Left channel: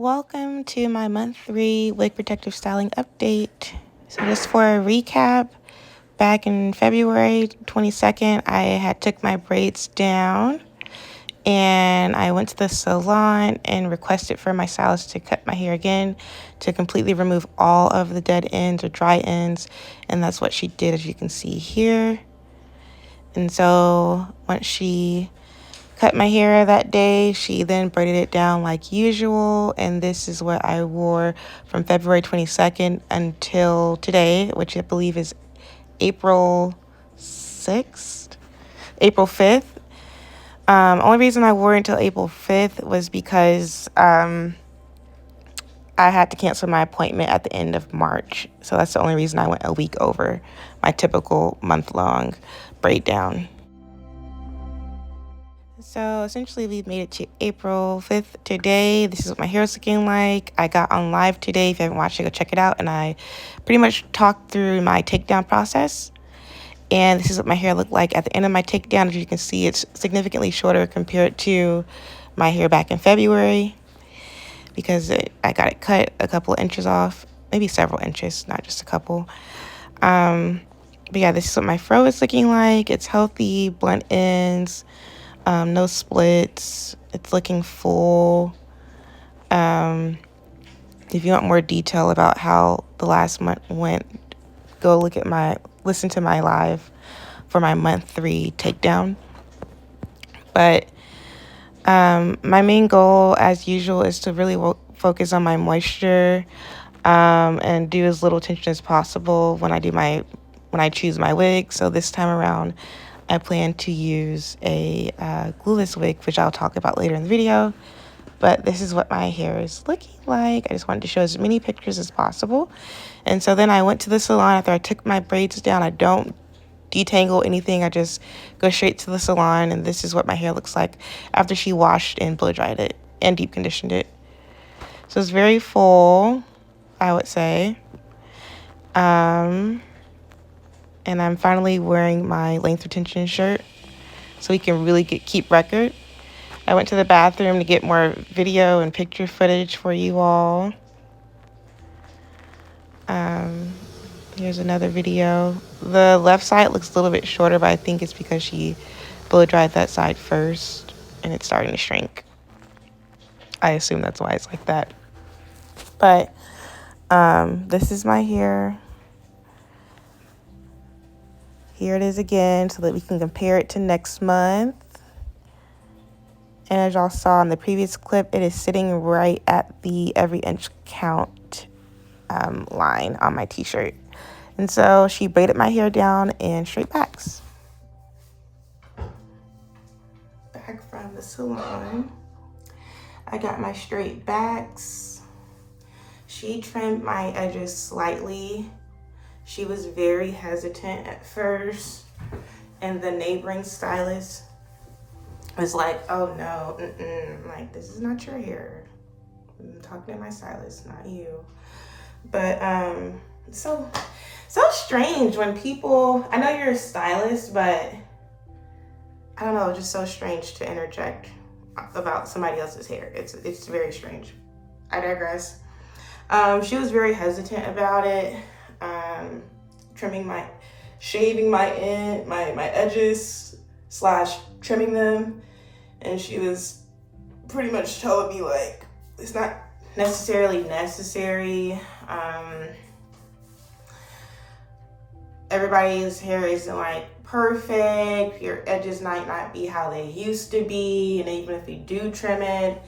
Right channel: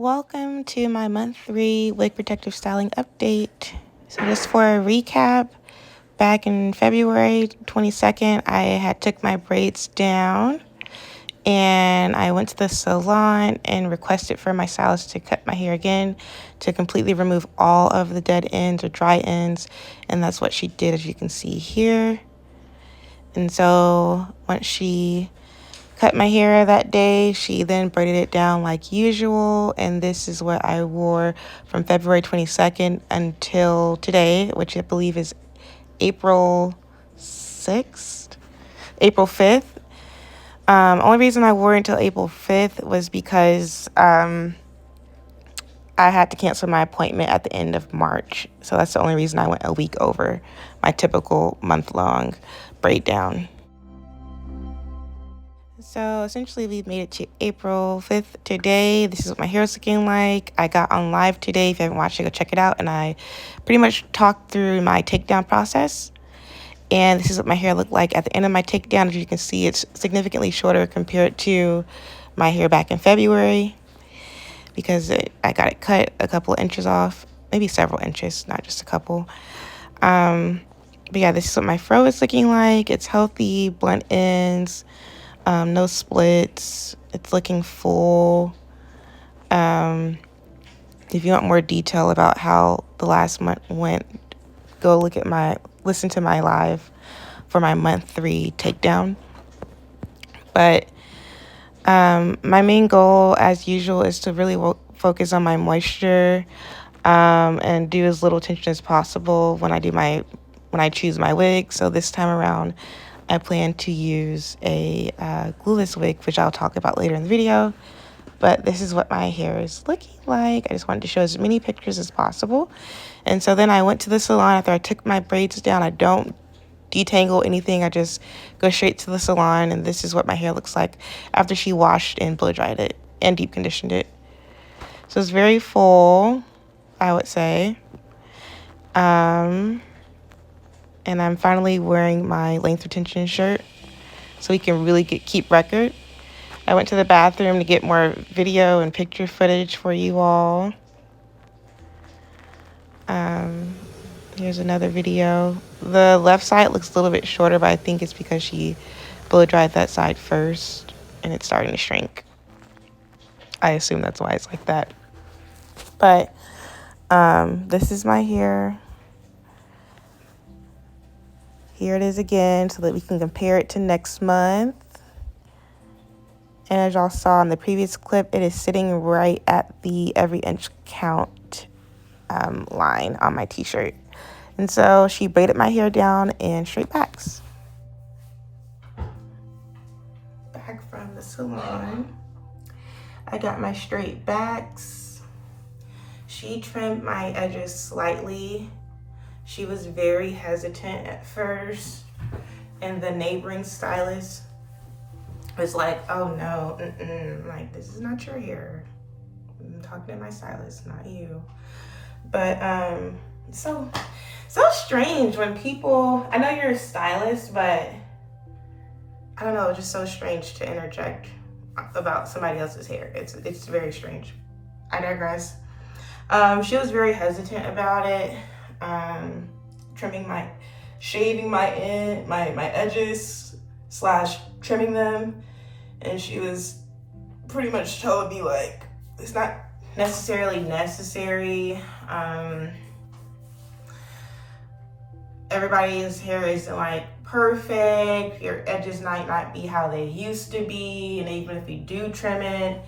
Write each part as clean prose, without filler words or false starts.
Welcome to my month 3 wig protective styling update. So just for a recap, back in February 22nd, I had took my braids down and I went to the salon and requested for my stylist to cut my hair again to completely remove all of the dead ends or dry ends. And that's what she did, as you can see here. And so once she cut my hair that day, she then braided it down like usual, and this is what I wore from February 22nd until today, which I believe is April 6th, April 5th. Only reason I wore it until April 5th was because I had to cancel my appointment at the end of March, so that's the only reason I went a week over my typical month-long braid down. So essentially we've made it to April 5th today. This is what my hair is looking like. I got on live today. If you haven't watched it, go check it out. And I pretty much talked through my takedown process. And this is what my hair looked like at the end of my takedown. As you can see, it's significantly shorter compared to my hair back in February because I got it cut a couple of inches off, maybe several inches, not just a couple. But yeah, this is what my fro is looking like. It's healthy, blunt ends. No splits. It's looking full. If you want more detail about how the last month went, go listen to my live for my month 3 takedown. But my main goal, as usual, is to really focus on my moisture and do as little attention as possible when I choose my wig. So this time around, I plan to use a glueless wig, which I'll talk about later in the video. But this is what my hair is looking like. I just wanted to show as many pictures as possible. And so then I went to the salon after I took my braids down. I don't detangle anything. I just go straight to the salon. And this is what my hair looks like after she washed and blow dried it and deep conditioned it. So it's very full, I would say. And I'm finally wearing my length retention shirt so we can really keep record. I went to the bathroom to get more video and picture footage for you all. Here's another video. The left side looks a little bit shorter, but I think it's because she blow dried that side first and it's starting to shrink. I assume that's why it's like that. But this is my hair. Here it is again so that we can compare it to next month. And as y'all saw in the previous clip, it is sitting right at the every inch count line on my t-shirt. And so she braided my hair down in straight backs. Back from the salon. I got my straight backs. She trimmed my edges slightly. She was very hesitant at first, and the neighboring stylist was like, oh no, I'm like, this is not your hair. I'm talking to my stylist, not you. But so strange when people, I know you're a stylist, but I don't know, just so strange to interject about somebody else's hair. It's very strange. I digress. She was very hesitant about it. Shaving my edges / trimming them, and she was pretty much telling me like it's not necessarily necessary. Everybody's hair isn't like perfect. Your edges might not be how they used to be, and even if you do trim it,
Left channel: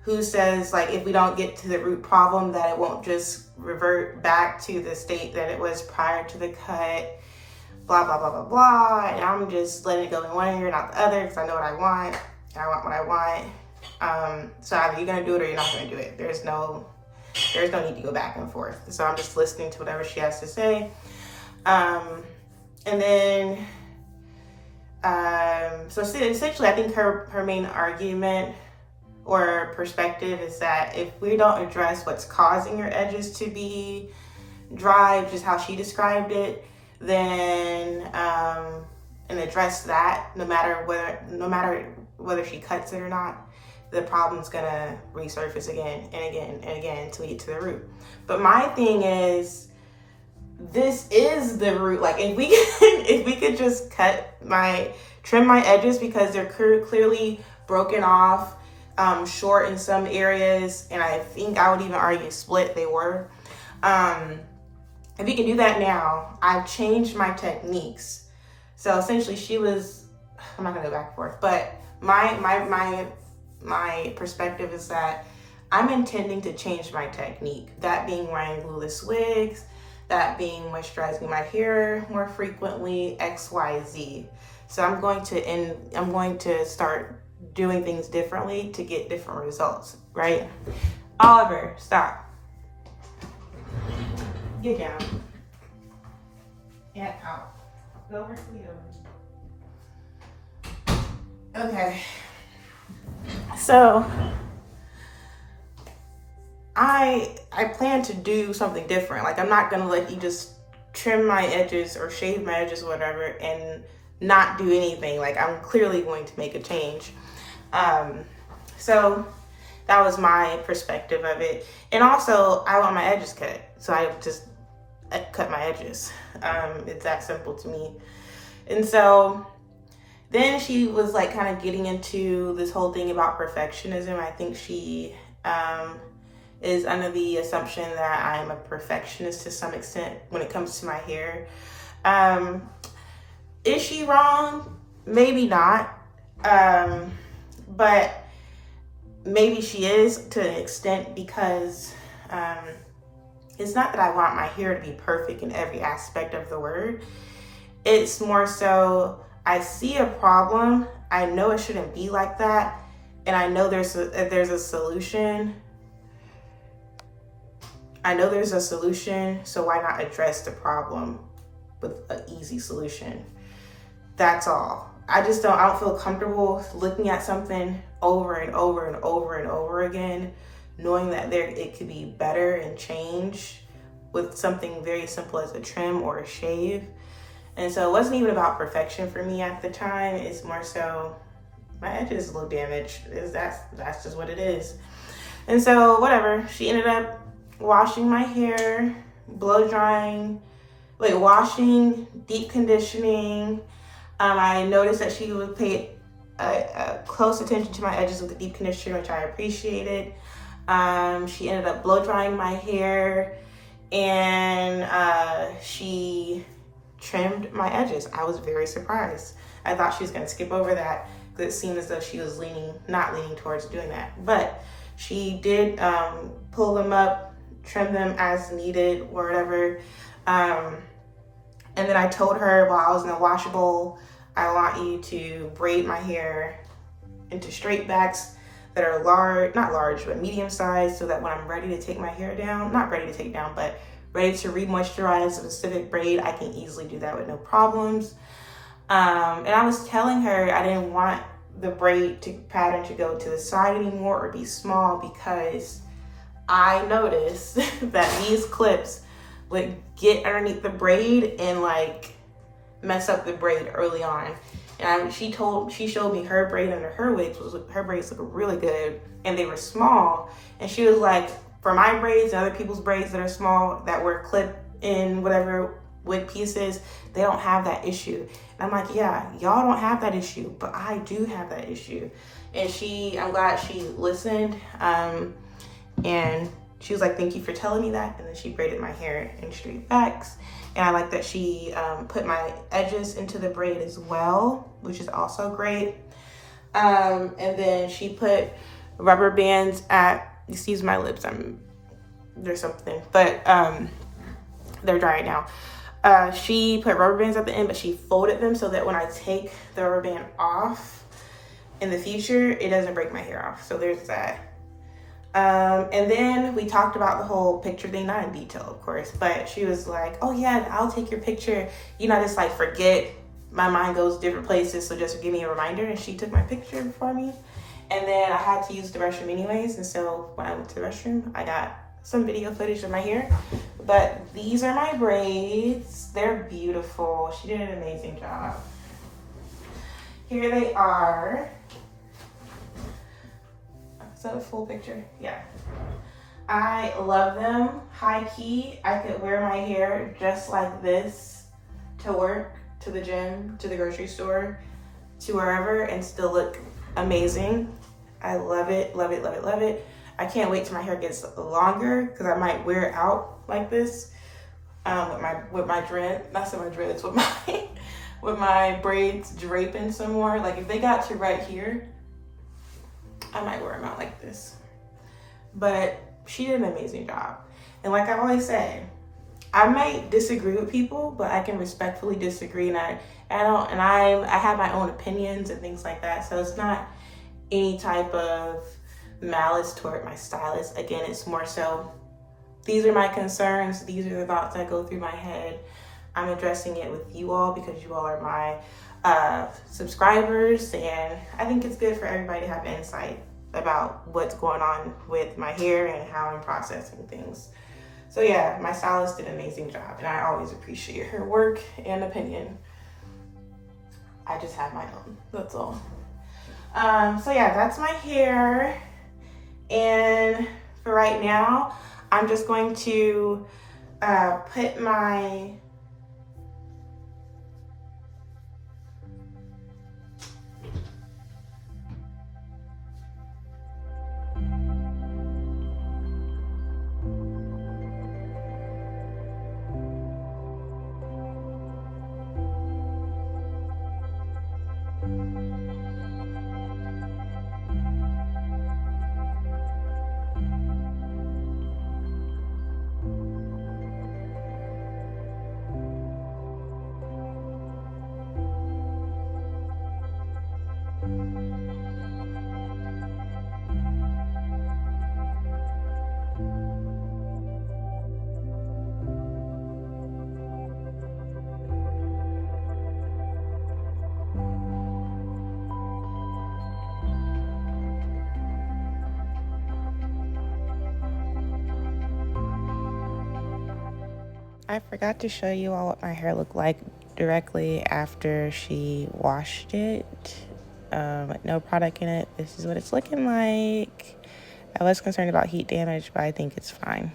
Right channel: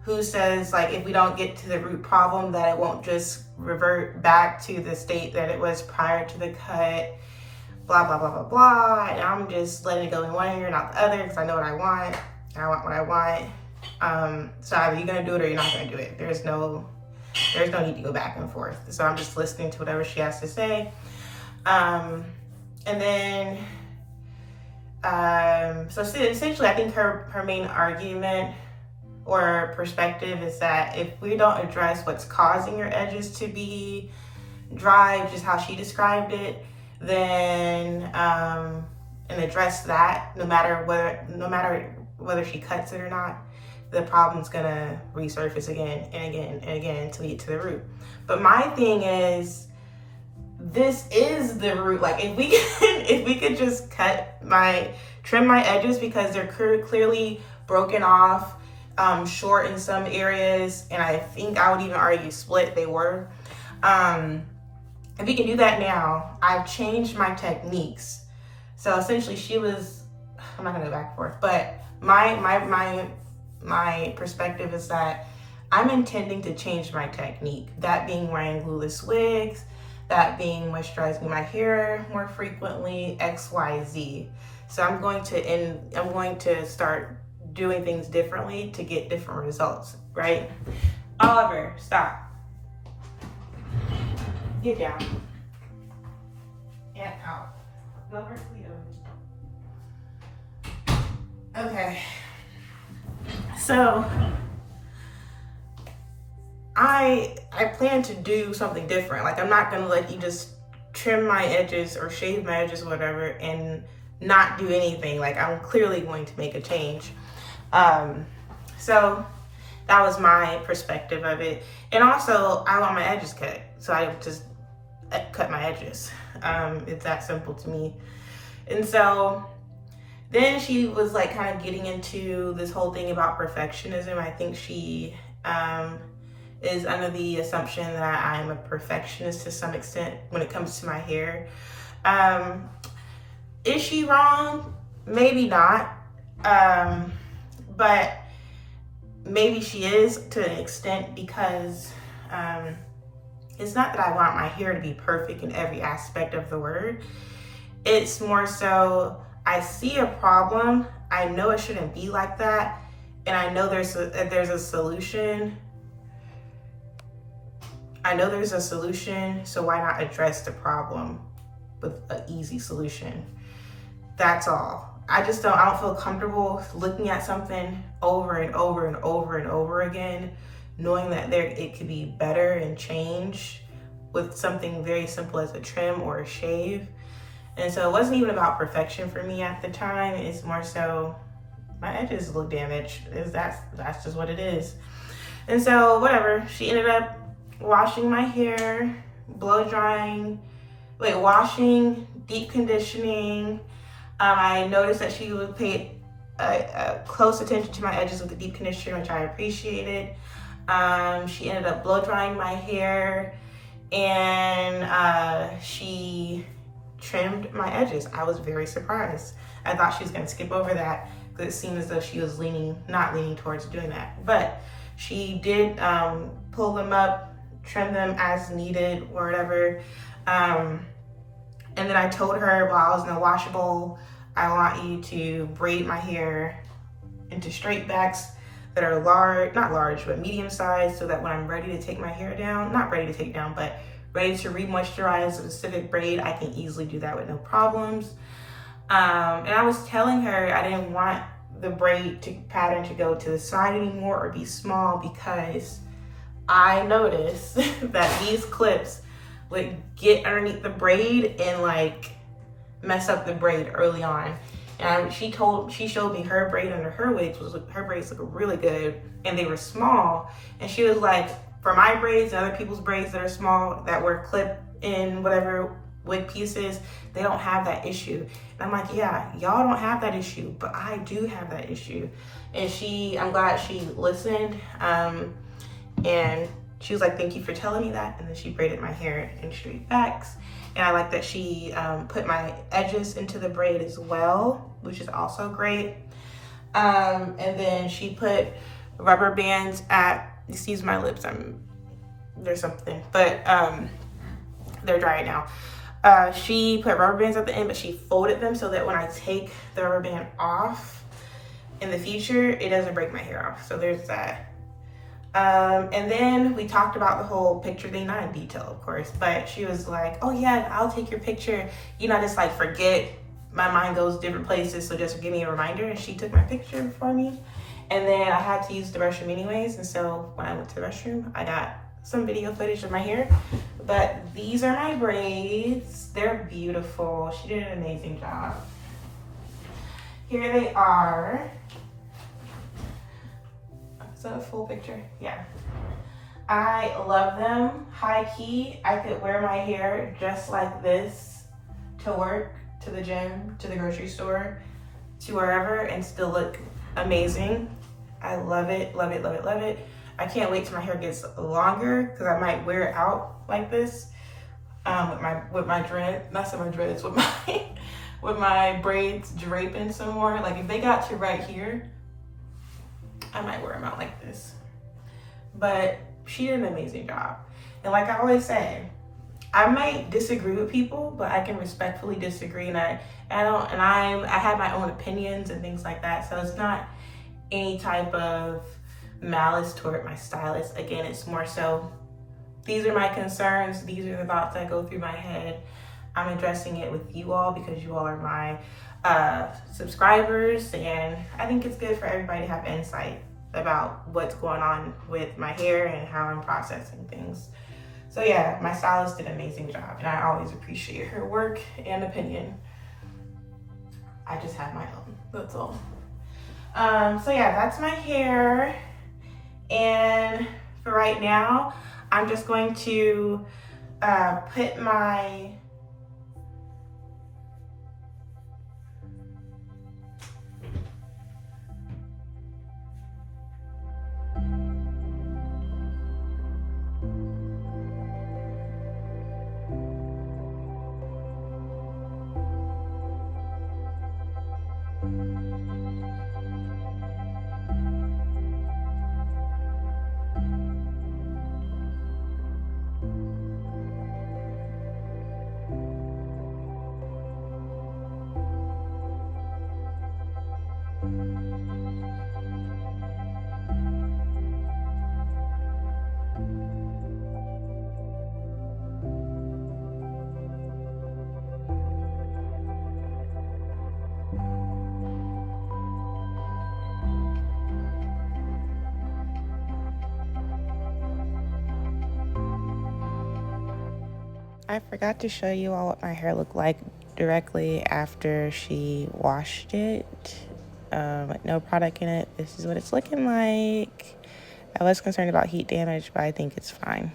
who says like if we don't get to the root problem that it won't just revert back to the state that it was prior to the cut, blah, blah, blah, blah, blah. And I'm just letting it go in one ear, not the other, because I know what I want, and I want what I want. So either you're gonna do it or you're not gonna do it. There's no need to go back and forth. So I'm just listening to whatever she has to say. And then, so essentially I think her main argument or perspective is that if we don't address what's causing your edges to be dry, just how she described it, then and address that no matter whether she cuts it or not, the problem's gonna resurface again and again and again until we get to the root. But my thing is, this is the root. Like, if we if we could just trim my edges, because they're clearly broken off, short in some areas, and I think I would even argue split they were. If we can do that now, I've changed my techniques. So essentially I'm not gonna go back and forth, but my perspective is that I'm intending to change my technique. That being wearing glueless wigs, that being moisturizing my hair more frequently, XYZ. So I'm going to start doing things differently to get different results, right? Oliver, stop. Get down. And out. Go over to the other. Okay. So I plan to do something different. Like, I'm not gonna let you just trim my edges or shave my edges or whatever and not do anything. Like, I'm clearly going to make a change. So that was my perspective of it. And also, I want my edges cut, so I just cut my edges. It's that simple to me. And so then she was like kind of getting into this whole thing about perfectionism. I think she is under the assumption that I'm a perfectionist to some extent when it comes to my hair. Is she wrong? Maybe not. But maybe she is to an extent, because it's not that I want my hair to be perfect in every aspect of the word. It's more so, I see a problem, I know it shouldn't be like that, and I know there's a solution. I know there's a solution, so why not address the problem with an easy solution? That's all. I don't feel comfortable looking at something over and over and over and over again, knowing that it could be better and change with something very simple as a trim or a shave. And so it wasn't even about perfection for me at the time. It's more so my edges look damaged. That's just what it is. And so whatever, she ended up washing my hair, washing, deep conditioning. I noticed that she would pay close attention to my edges with the deep conditioner, which I appreciated. She ended up blow drying my hair, and she trimmed my edges. I was very surprised. I thought she was going to skip over that, because it seemed as though she was not leaning towards doing that. But she did pull them up, trim them as needed, or whatever. And then I told her while I was in the wash bowl, I want you to braid my hair into straight backs that are not large, but medium size, so that when I'm ready to take my hair down, not ready to take down, but ready to re-moisturize a specific braid, I can easily do that with no problems. And I was telling her I didn't want the braid pattern to go to the side anymore or be small, because I noticed that these clips would get underneath the braid and like mess up the braid early on. And she showed me her braid under her wigs. Her braids look really good, and they were small. And she was like, for my braids and other people's braids that are small, that were clipped in whatever wig pieces, they don't have that issue. And I'm like, yeah, y'all don't have that issue, but I do have that issue. And I'm glad she listened. And she was like, thank you for telling me that. And then she braided my hair in straight backs. And I like that she put my edges into the braid as well, which is also great. And then she put rubber bands excuse my lips, there's something, but they're dry now. She put rubber bands at the end, but she folded them so that when I take the rubber band off in the future, it doesn't break my hair off. So there's that. And then we talked about the whole picture thing, not in detail, of course, but she was like, oh yeah, I'll take your picture. You know, just like forget, my mind goes different places, so just give me a reminder. And she took my picture for me. And then I had to use the restroom anyways. And so when I went to the restroom, I got some video footage of my hair. But these are my braids. They're beautiful. She did an amazing job. Here they are. that a full picture? Yeah. I love them. High key, I could wear my hair just like this to work, to the gym, to the grocery store, to wherever, and still look amazing. I love it, love it, love it, love it. I can't wait till my hair gets longer because I might wear it out like this with my dread, not so my dreads, with my with my braids draping some more. Like if they got to right here, I might wear them out like this. But she did an amazing job. And like I always say, I might disagree with people, but I can respectfully disagree, and I have my own opinions and things like that. So it's not any type of malice toward my stylist. Again, it's more so, these are my concerns, these are the thoughts that go through my head. I'm addressing it with you all because you all are my subscribers, and I think it's good for everybody to have insight about what's going on with my hair and how I'm processing things. So yeah, my stylist did an amazing job, and I always appreciate her work and opinion. I just have my own, that's all. So yeah, that's my hair. And for right now, I'm just going to put my I forgot to show you all what my hair looked like directly after she washed it. No product in it. This is what it's looking like. I was concerned about heat damage, but I think it's fine.